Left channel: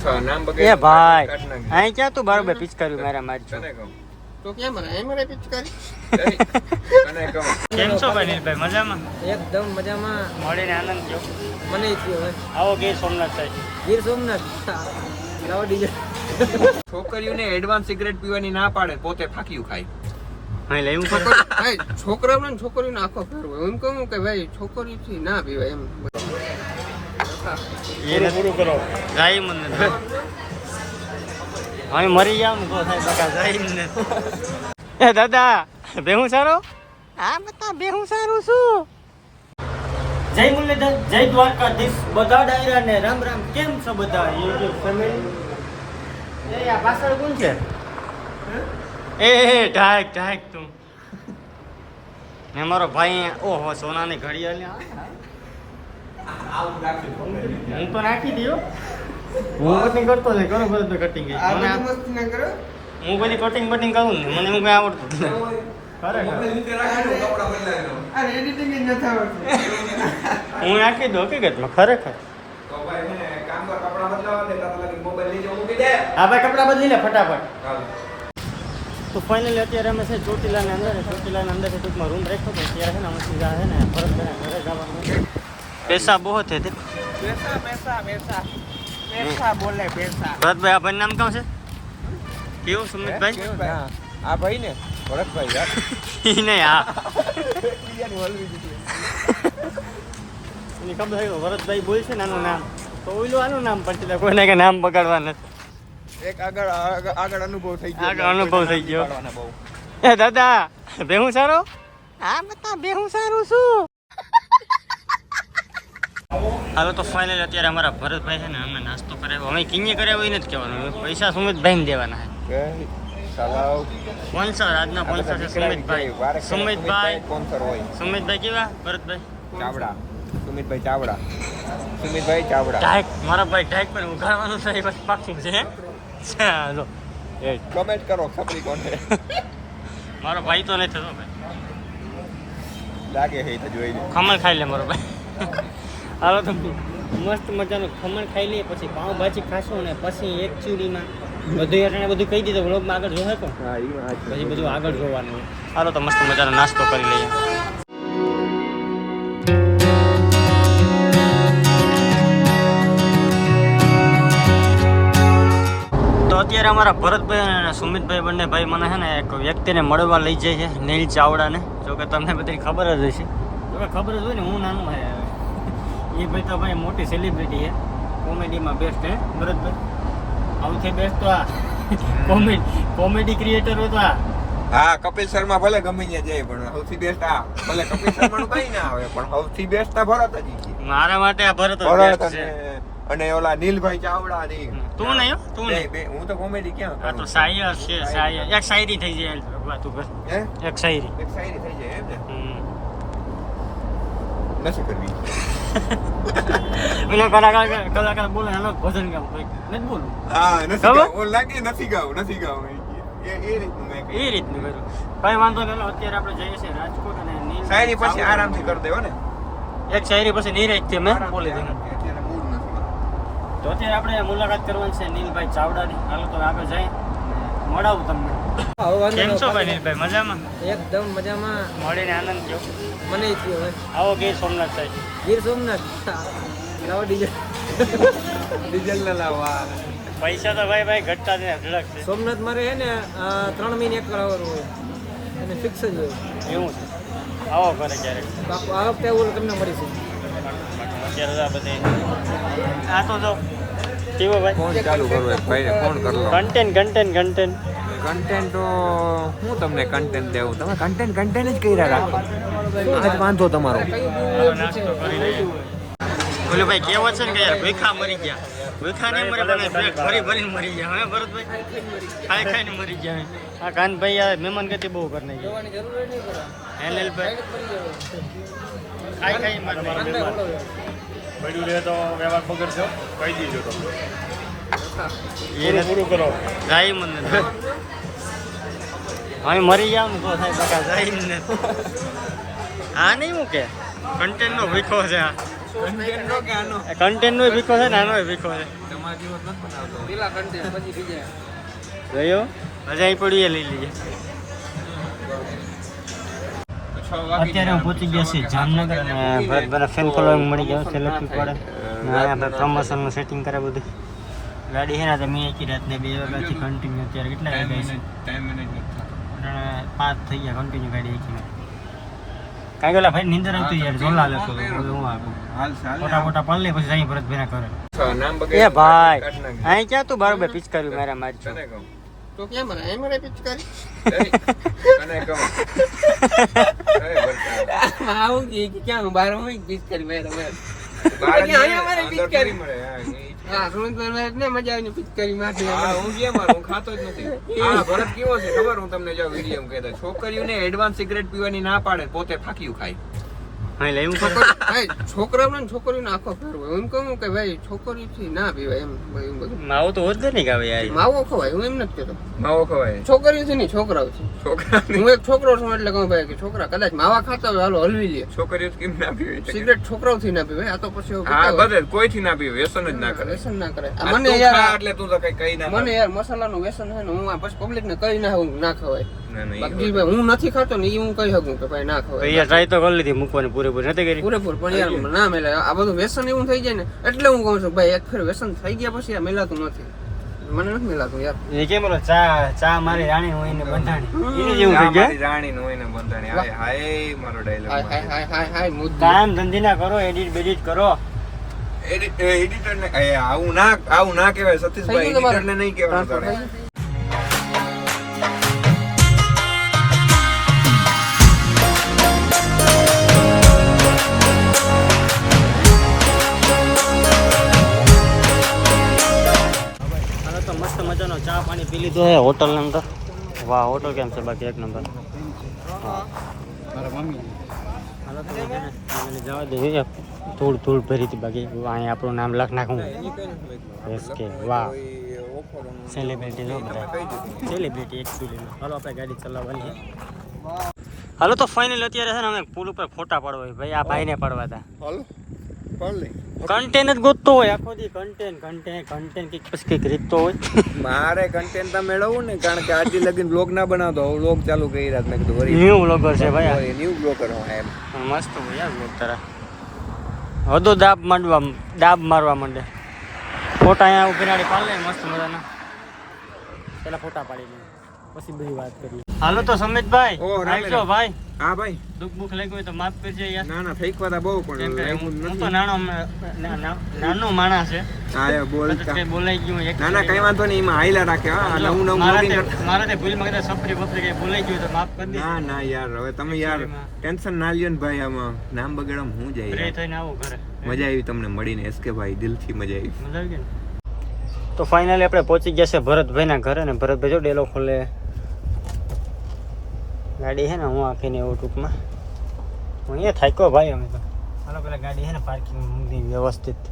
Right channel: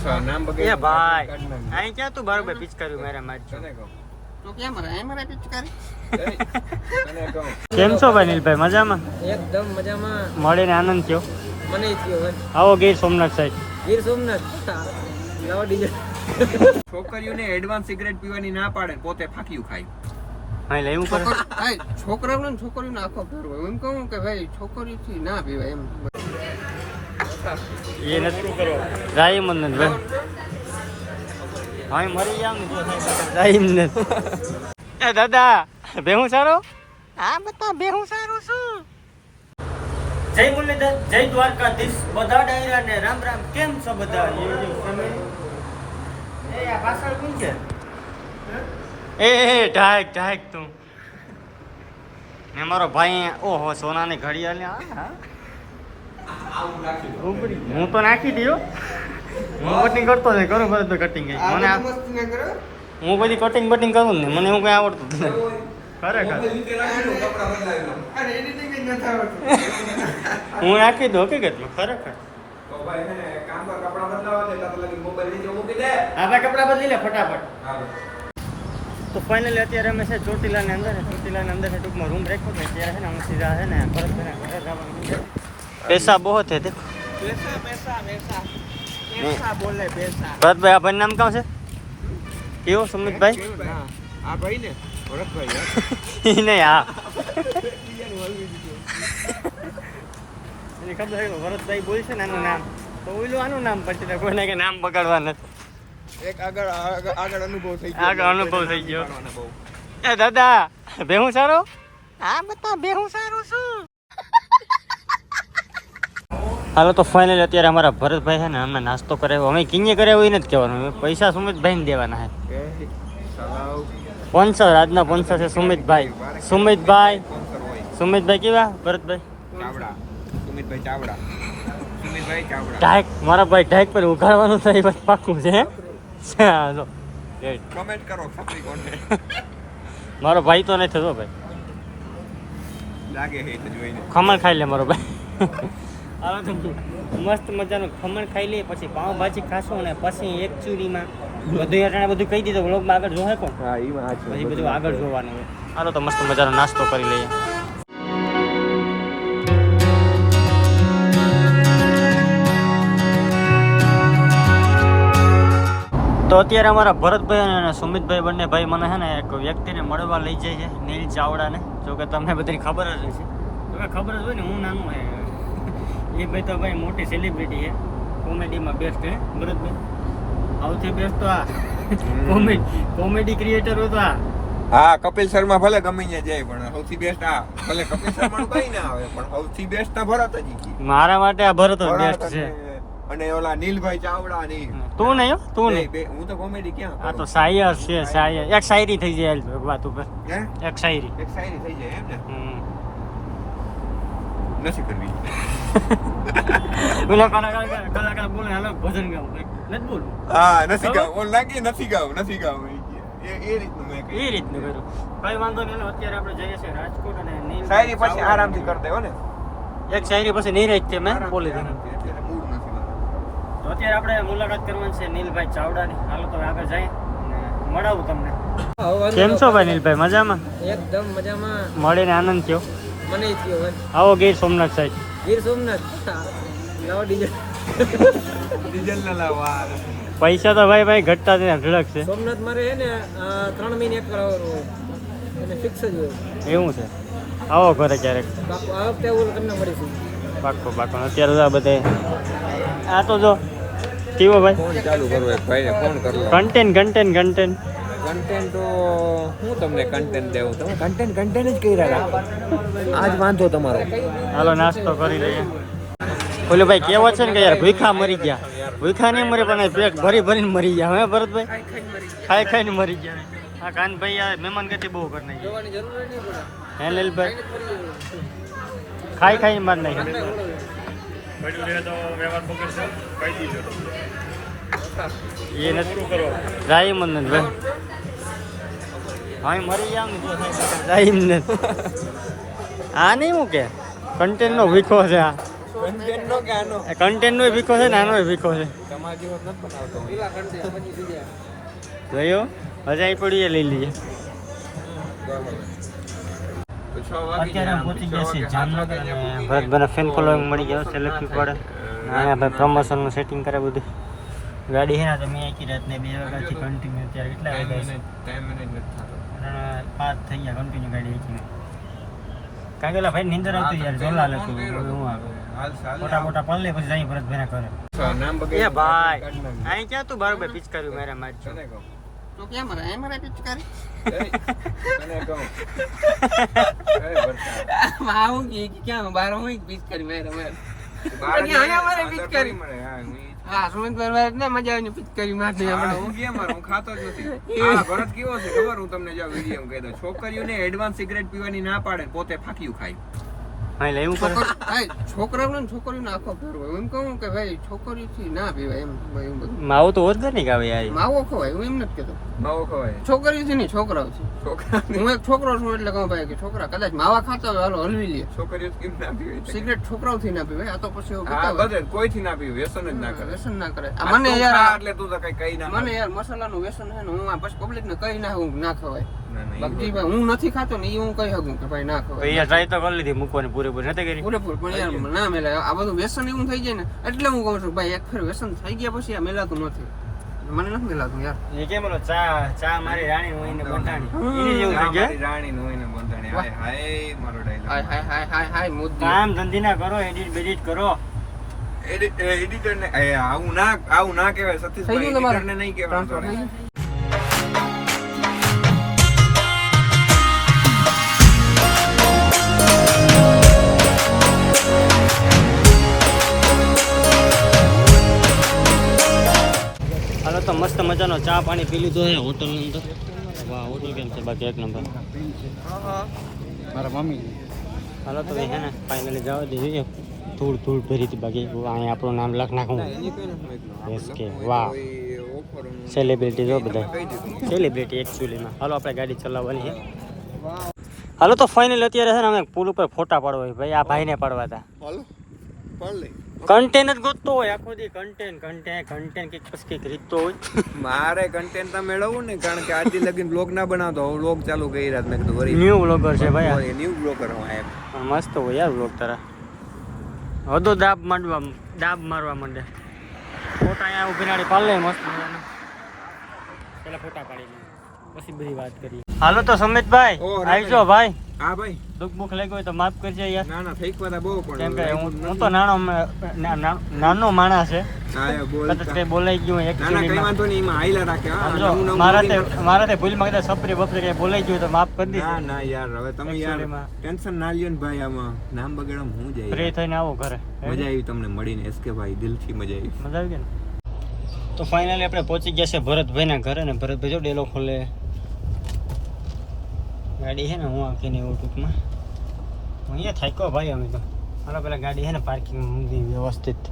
એ ભાઈ અહીં ક્યાં તું બરોબર પિચકારી મારા મારજો તો કેમ મારે પિચકારી કેમ છો ભાઈ નીલભાઈ મજામાં એકદમ મજામાં મળીને આનંદ થયો મને થયો હવે આવો ગીર સોમનાથ સાઈડ ગીર સોમનાથ લાવો ડીજે છોકરીઓને એડવાન્સ સિગરેટ પીવાની ના પાડે પોતે ફાકીયું ખાય હા લેવું પડે ભાઈ છોકરીઓને આખો ફેરવો એમ કહું કે ભાઈ છોકરીથી ના પીવાય એમ એ નથી કરો જાય મને હવે મરી જાવ ને તો થાય જાય ને એ દાદા બેહું સારો હા બતા બેહું સારું છું જય મુરલીધર જય દ્વારકાધીશ બધા ડાયરા ને રામ રામ કેમ છો બધા યુટ્યુબ ફેમિલી એ આ પાછળ કોણ છે એ ઢાક તું ને મારો ભાઈ ઓહો સોનાની ઘડિયાળ હું તો નાખી દઉં હું કટિંગ કરતો ને કરો બરાબર કટિંગ મને હું બધી કટિંગ બટિંગ કરું ને મને એવું કઈ આવડતું જ નથી ખરેખર હું નાખી દઉં હકીકતમાં ખરેખર હા ભાઈ કપડા બદલી લે ફટાફટ તો ફાઇનલી અત્યારે અમે છે ચોટીલાની અંદર છે ટૂંકમાં રૂમ રાખ્યો છે અત્યારે છે ને અમે સીધા છે ને ભરતભાઈને ઘરે જવાનું છે पैसा बहुत है देखो पैसा बोले पैसा भरत भाई आप नाम कहाँ से क्यों सुमित भाई આ ભાઈ ને ભરતભાઈ યાર नहीं हाँ એની ખબર છે ભરતભાઈ બોલ છે ને આનું નામ તો ઓઈલું આનું નામ પછી કોઈને કે નામ બગાડવા નથી એક આગળ અનુભવ થઈ આગળ અનુભવ થઈ ગયો એ દાદા બેહું સારો હા બતા બેહું સારું શું હાલો તો ફાઇનલી અત્યારે અમારા ભરતભાઈ છે ને અમે નાસ્તો કરાવ્યો અમે કિંગે કરાવ્યો એ નથી કહેવાનું પૈસા સુમિતભાઈને દેવાના છે સ્પોન્સર આજના સ્પોન્સર છે સુમિતભાઈ કેવા ભરતભાઈ ઢાક મારા ભાઈ ઢાક પર ઉઘાડવાનું થાય બસ પાક્કું છે ચાલો કમેન્ટ કરો ખપરી કોને મારો ભાઈ તો નહીં થતો ભાઈ લાગે હે તો જોઈ લે ખમણ ખાઈ લે મારો ભાઈ હાલો તો મસ્ત મજાનું ખમણ ખાઈ લઈએ પછી પાઉંભાજી ખાશું અને પછી એક ચૂડીમાં બધું અટાણે બધું કહી દીધું વ્લોગમાં આગળ જોવે કોણ પછી બધું આગળ જોવાનું હોય હાલો તો મસ્ત મજાનો નાસ્તો કરી લઈએ તો અત્યારે અમારા ભરતભાઈ અને સુમિતભાઈ બંને ભાઈ મને છે ને એક વ્યક્તિને મળવા લઈ જાય છે નીલ ચાવડાને જો કે તમને બધાને ખબર જ હશે તો કે ખબર જ હોય ને હું નાનું હે એ ભાઈ તો ભાઈ મોટી સેલિબ્રિટી છે કોમેડીમાં બેસ્ટ હે ભરતભાઈ સૌથી બેસ્ટ તો આ કોમેડી ક્રિએટર હોય તો આ હા કપિલ શર્મા ભલે ગમે ત્યાં જાય પણ સૌથી બેસ્ટ આ ભલે કપિલ શર્મા કઈ ના આવે પણ સૌથી બેસ્ટ આ ભરત જ છે મારા માટે આ ભરત જ બેસ્ટ છે અને ઓલા નીલભાઈ ચાવડા ની તું નહીં હું તો કોમેડી ક્યાં આ તો શાયર છે શાયર એક શાયરી થઈ જાય વાત ઉપર હે એક શાયરી થઈ જાય એમ ને નથી કરવી પેલો કલાકાર બોલે હાલો ભજન ગાવ ભાઈ નથી બોલું હા નથી ગાવ ઓ લાગે નથી ગાવ એ રીતનું મેં એ રીતનું કર્યું કઈ વાંધો નહીં અત્યારે આપણે જઈએ છીએ રાજકોટ અને શાયરી પછી આરામથી કરી દેવો ને એક શાયરી પછી નીરજ થી મેં બોલી દીધું તો અત્યારે આપણે મુલાકાત કરવાની છે નીલભાઈ ચાવડાની હાલો તો આગળ જઈએ મળાવું તમને કેમ છો ભાઈ નીલભાઈ મજામાં એકદમ મજામાં મળીને આનંદ થયો મને થયો હવે આવો ગીર સોમનાથ સાઈડ ગીર સોમનાથ લાવો ડીજે પૈસા તો ભાઈ ઘટતા જ અઢળક છે સોમનાથ મારે હે ને 3 મહિને એક કરાવવાનું હોય અને ફિક્સ જ હોય એવું છે આવો ઘરે ક્યારેક બાપુ આ વખતે એવું તમને મળીશું પાકો અત્યારે તો આ બધે આ તો જો કેવો ભાઈ ફોન ચાલુ કરવો એક ભાઈને ફોન કરી લો કન્ટેન્ટ તો હું તમને કન્ટેન્ટ દેવું તમે કન્ટેન્ટ જ કર્યા રાખો આજ વાંધો તમારો હાલો નાસ્તો કરી લઈએ ઓલો ભાઈ કેવો છે ને કે યાર ભૂખા મરી ગયા ભૂખા નહીં મરી પણ પેટ ભરીને મરી ગયા હે ભરતભાઈ ખાઈને મરી ગયા આ કાનભાઈ આ મહેમાન ગતિ બહુ કરી નાખી હે લીલભાઈ ખાઈ માર નાખી એ નથી કરો જાય મને હવે મરી જાવ ને તો થાય જાય ને આ નહીં હું કે કન્ટેન્ટ નો વીખો છે આ કન્ટેન્ટ નો કે આનો કન્ટેન્ટ નો વીકો છે ને આનો વીકો છે તમારા જેવો જ નથી બનાવતો પેલા કન્ટેન્ટ પછી બીજા જોયો હજાઈ પડી લઈ લઈએ અત્યારે હું પહોંચી ગયા છીએ જામનગર અને ભરતભાઈ ફેન ફોલોઈંગ મળી ગયો સેલ્ફી પડે અહીંયા ભાઈ પ્રમોશનનું સેટિંગ કરે બધું ગાડી છે ને તો મેં એકી રાતને 2 વાગ્યાથી કન્ટિન્યુ અત્યારે કેટલા વાગ્યા છે 5 થઈ ગયા કન્ટિન્યુ ગાડી એકી કાંઈ ગયેલા ભાઈ નીંદર આવતી યાર જોલા લેતો બધું હું આપું મોટા મોટા પલ લે પછી જઈ ભરતભાઈ કરે એ ભાઈ અહીં ક્યાં તું બરોબર પિચકાર્યું મારા મારી છો તો કેમ મારે એમ રે પિચકારી આવું કે ક્યાં બાર હોય પિચકારી મેરા મેર આયા મારે પિચકારી હા સુમંત ભાઈ ને મજા આવે પિચકારી મારતી હા હું કેમ મારું ખાતો જ નથી હા ભરત કેવો છે ખબર હું તમને જો વિડીયો કહી દઉં છોકરીઓને એડવાન્સ સિગરેટ પીવાની ના પાડે પોતે ફાક્યું ખાય હા લેવું ભાઈ છોકરાઓને છોકરીઓને આખો ફેર હોય એમ કહું કે ભાઈ છોકરીથી ના પીવાય એમ ભાઈ બધું માવું તો ઓર્ગેનિક આવે યાર માવો ખવાય હું એમ નથી કહેતો માવો ખવાય છોકરીઓથી નહીં છોકરાઓ છે છોકરા હું એક છોકરો છું એટલે કહું ભાઈ કે છોકરા કદાચ માવા ખાતા હોય હાલો હલવી લે છોકરીઓ કેમ ના પીવે સિગરેટ છોકરાઓથી ના પીવાય આ તો પછી એવું હા પીતા હોય બધે કોઈથી ના પીવે વ્યસન જ ના કરે વ્યસન ના કરે આ આ મને તું ખા યાર એટલે તું તો કઈ ના મને યાર મસાલાનું વ્યસન છે ને હું આ બસ પબ્લિક ને કઈ ના હું ના ખવાય ના, ના, બાકી ભાઈ હું નથી ખાતો ને એ હું કહી શકું કે ભાઈ ના તો ખવાય યાર ટ્રાય તો કરી લીધી મૂકવાની પૂરેપૂરી નથી કરી પૂરેપૂર પણ યાર ના મેલાય આ બધું વ્યસન એવું થઈ જાય ને એટલે હું કહું છું ભાઈ એક ફેર વ્યસન થઈ ગયા પછી આ મેલાતું નથી મને નથી મેલાતું યાર એ કેમ બોલો ચા મારી રાણી હોય ને બંધાણી એને જેવું થઈ જાય મારી રાણી નું હોય ને બંધાણી હાય હાય મારો ડાયલોગ હાય હાય હાય હાય હાય મુદ્દા કામ ધંધી ના કરો એડિટ કરો એડિટર ને આવું ના કહેવાય સતીશભાઈ થઈ ગયું એડિટર ને નહીં કહેવાય ટ્રાન્સફર થઈ ગયું હાલો તો મસ્ત મજાનો ચા પાણી પી લીધો છે હોટલ ની અંદર વાહ હોટલ કેમ છે બાકી એક નંબર મારા મમ્મી હાલો તો છે ને ફાઇનલી જવા દઈએ ધૂળ ભરી હતી બાકી અહીંયા આપણું નામ લખ નાખું એસ કે વાહ સેલિબ્રિટી જો બધું સેલિબ્રિટી એકચ્યુઅલીમાં હાલો આપણે ગાડી ચલાવવાની છે હાલો તો ફાઇનલ અત્યારે છે ને અમે પુલ ઉપર ફોટા પાડવા હોય ભાઈ આ ભાઈને પાડવા હતા હાલો પાડ લે કન્ટેન્ટ જ ગોતતો હોય આખો દી કન્ટેન્ટ કંઈક રીતતો હોય મારે કન્ટેન્ટ તો મેળવવું ને કારણ કે આજે લગીન બ્લોગ ના બનાવતો બ્લોગ ચાલુ કરી રહ્યા મેં કીધું વરી ન્યૂ વ્લોગર છે ભાઈ ન્યૂ બ્લોગર હું એમ પણ મસ્ત હોય યાર વ્લોગ તારા હદો દાબ મારવા માંડે ફોટા અહીંયા ઉભી નાડી પાડ લે મસ્ત મજાના પેલા ફોટા પાડી લે પછી બધી વાત કરીએ હાલો તો સમિતભાઈ ઓ, આવજો ભાઈ હા ભાઈ દુઃખ બુખ લાગ્યું હોય તો માફ કરજે યાર ના ના થઈ ખવા બહુ કેમ કે પણ હું તો નાનો માણસ છે હા બોલ કદાચ કઈ બોલાઈ ગયું હોય ના ના કઈ વાંધો નહીં એમાં હાઈલા રાખે હા જો, નવું મારા નવું તે- મારા તે ભૂલમાં કદાચ સપરી બપરી કઈ બોલાઈ ગયું હોય તો માફ કરી દે ના ના યાર હવે તમે યાર Actually માં. ટેન્શન ના લ્યો ને ભાઈ આમાં નામ બગાડવામાં હું જાય ફ્રી યાર. થઈને આવો ઘરે મજા આવી તમને મળીને એસકે ભાઈ દિલથી મજા આવી મજા આવી ગઈ ને તો ફાઇનલી આપણે પહોંચી ગયા છે ભરતભાઈના ઘરે ને ભરતભાઈ જો ડેલો ખોલે ગાડી છે ને હું આખીને એવું ટૂંકમાં હું અહીંયા થાક્યો ભાઈ અમે તો હાલો પેલા ગાડી છે ને પાર્કિંગ મૂકી વ્યવસ્થિત